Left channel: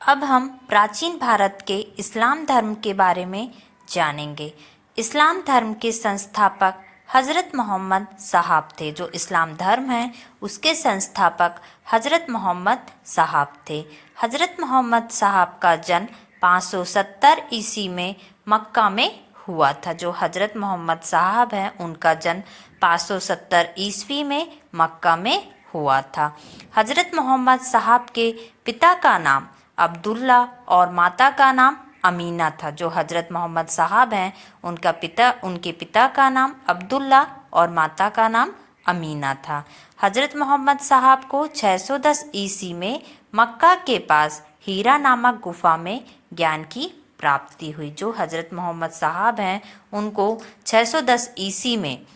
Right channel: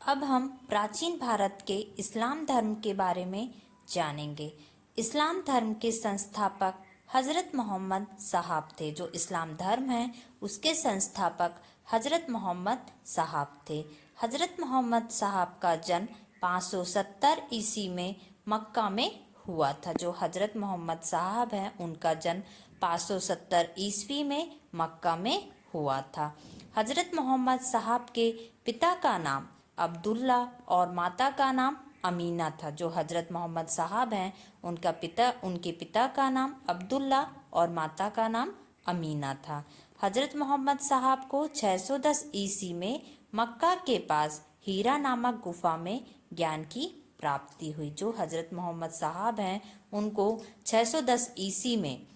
अब हम प्राचीन भारत के इस्लाम धर्म के बारे में जानेंगे। इस्लाम धर्म के संस्थापक हज़रत मोहम्मद साहब थे। जो इस्लाम धर्म है उसके संस्थापक हज़रत मोहम्मद साहब थे। हज़रत मोहम्मद साहब का जन्म 570 ईस्वी में मक्का में हुआ था। जो हज़रत मोहम्मद साहब हैं उनका जन्म 570 ईस्वी में मक्का में हुआ था। हज़रत मोहम्मद साहब के पिता का नाम अब्दुल्ला और माता का नाम अमीना था। जो हज़रत मोहम्मद साहब हैं उनके पिता का नाम अब्दुल्ला और माता का नाम अमीना था। हज़रत मोहम्मद साहब को 610 ईस्वी में मक्का के पास हीरा नामक गुफा में ज्ञान की प्राप्ति हुई। जो हज़रत मोहम्मद साहब हैं उनको 610 ईस्वी में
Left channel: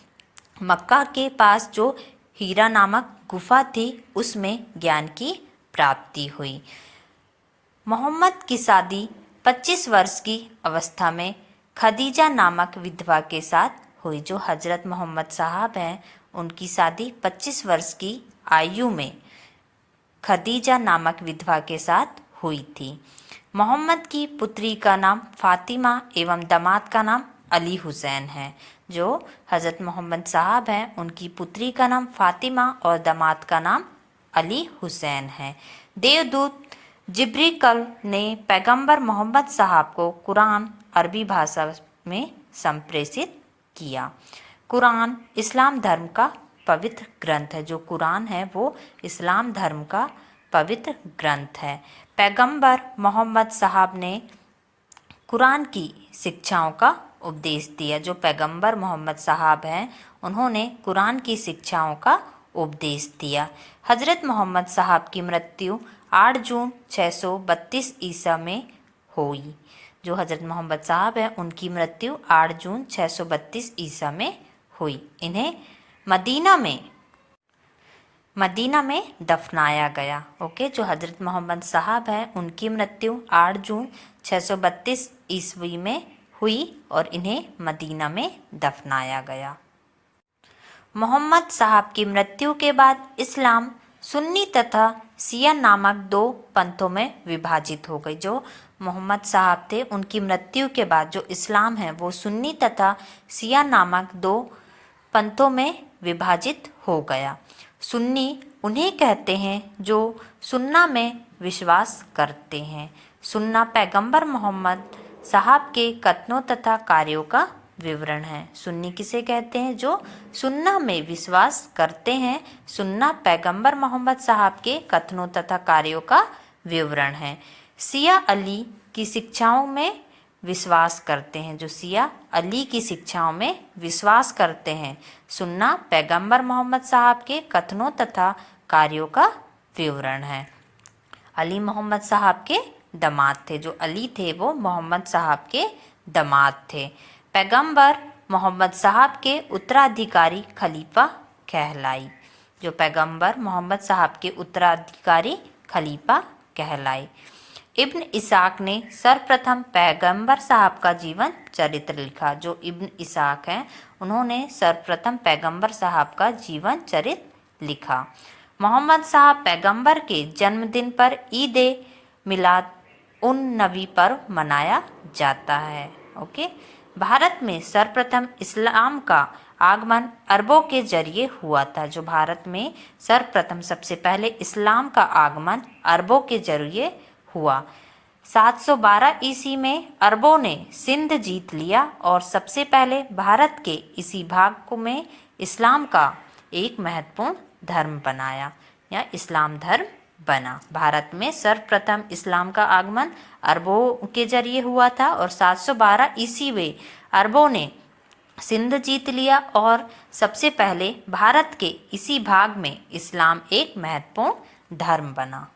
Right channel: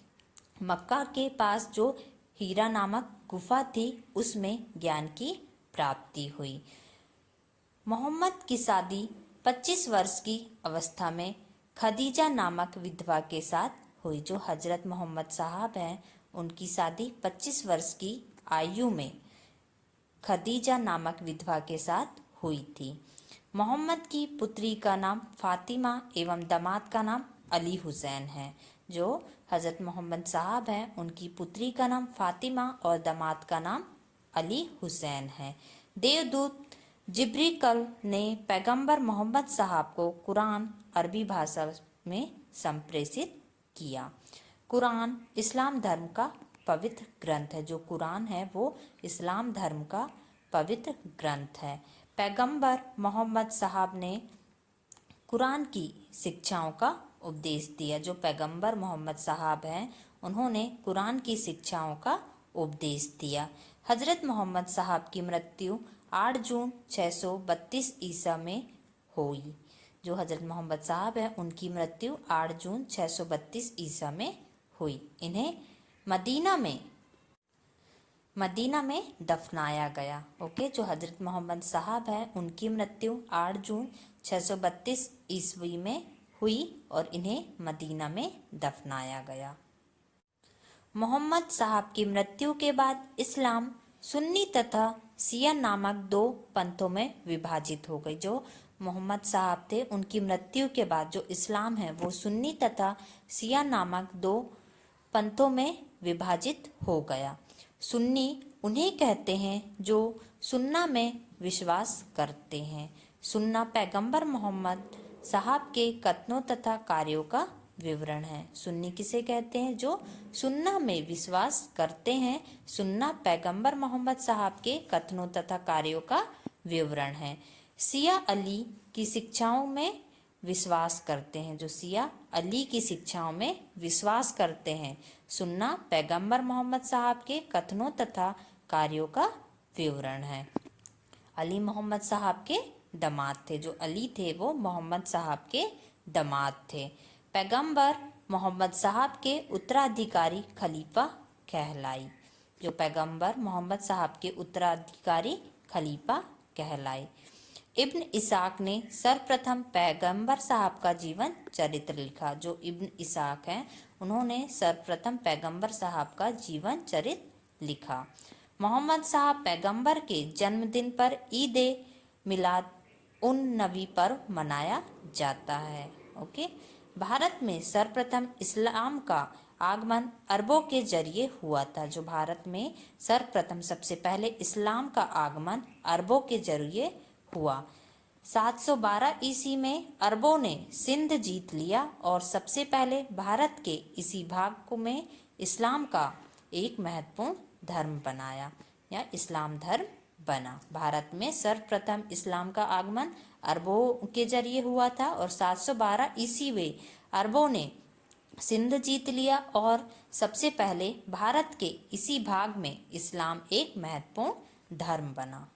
मक्का के पास जो हीरा नामक गुफा थी उसमें ज्ञान की प्राप्ति हुई। मोहम्मद की शादी 25 वर्ष की अवस्था में खदीजा नामक विधवा के साथ हुई। जो हज़रत मोहम्मद साहब हैं उनकी शादी 25 वर्ष की आयु में खदीजा नामक विधवा के साथ हुई थी। मोहम्मद की पुत्री का नाम फातिमा एवं दामाद का नाम अली हुसैन है। जो हज़रत मोहम्मद साहब हैं उनकी पुत्री का नाम फातिमा और दामाद का नाम अली हुसैन है। देवदूत जिब्रील ने पैगंबर मोहम्मद साहब को कुरान अरबी भाषा में संप्रेषित किया। कुरान इस्लाम धर्म का पवित्र ग्रंथ है। जो कुरान है वो इस्लाम धर्म का पवित्र ग्रंथ है। पैगंबर मोहम्मद साहब ने कुरान की शिक्षाओं का उपदेश दिया। जो पैगंबर मोहम्मद साहब हैं उन्होंने कुरान की शिक्षाओं का उपदेश दिया। हज़रत मोहम्मद साहब की मृत्यु 8 जून 632 ईसा में हुई। जो हज़रत मोहम्मद साहब हैं उनकी मृत्यु 8 जून 632 ईसा में हुई। इन्हें मदीना में दफनाया गया। ओके, जो हज़रत मोहम्मद साहब हैं उनकी मृत्यु 8 जून 632 ईस्वी में हुई और इन्हें मदीना में दफनाया गया। मोहम्मद साहब की मृत्यु के बाद इस्लाम सुन्नी तथा शिया नामक 2 पंथों में विभाजित हो गई। जो मोहम्मद साहब थे उनकी मृत्यु के बाद जो इस्लाम है वो सुन्नी तथा शिया नामक 2 पंथों में विभाजित हो गया। सुन्नी उन्हें कहते हैं जो सुन्ना में विश्वास करते हैं। सुन्ना पैगंबर मोहम्मद साहब के कथनों तथा कार्यों का विवरण है। सुन्नी किसे कहते हैं? जो सुन्ना में विश्वास करते हैं। सुन्ना पैगंबर मोहम्मद साहब के कथनों तथा कार्यों का विवरण है। शिया अली की शिक्षाओं में विश्वास करते हैं। जो शिया अली की शिक्षाओं में विश्वास करते हैं। सुन्ना पैगंबर मोहम्मद साहब के कथनों तथा कार्यों का विवरण है। अली मोहम्मद साहब के दामाद थे। जो अली थे वो मोहम्मद साहब के दामाद थे। पैगंबर मोहम्मद साहब के उत्तराधिकारी खलीफा कहलाई। जो पैगंबर मोहम्मद साहब के उत्तराधिकारी खलीफा कहलाई। इब्न इसाक ने सर्वप्रथम पैगंबर साहब का जीवन चरित्र लिखा। जो इब्न इसाक हैं उन्होंने सर्वप्रथम पैगंबर साहब का जीवन चरित्र लिखा। मोहम्मद साहब पैगंबर के जन्मदिन पर ईद मिलाद उन नबी पर्व मनाया जाता है। ओके, भारत में सर्वप्रथम इस्लाम का आगमन अरबों के जरिए हुआ था। जो भारत में सर्वप्रथम सबसे पहले इस्लाम का आगमन अरबों के जरिए हुआ। 712 ईस्वी में अरबों ने सिंध जीत लिया और सबसे पहले भारत के इसी भाग में इस्लाम का एक महत्वपूर्ण धर्म बनाया या इस्लाम धर्म बना। भारत में सर्वप्रथम इस्लाम का आगमन अरबों के जरिए हुआ था और 712 ईस्वी में अरबों ने सिंध जीत लिया और सबसे पहले भारत के इसी भाग में इस्लाम एक महत्वपूर्ण धर्म बना।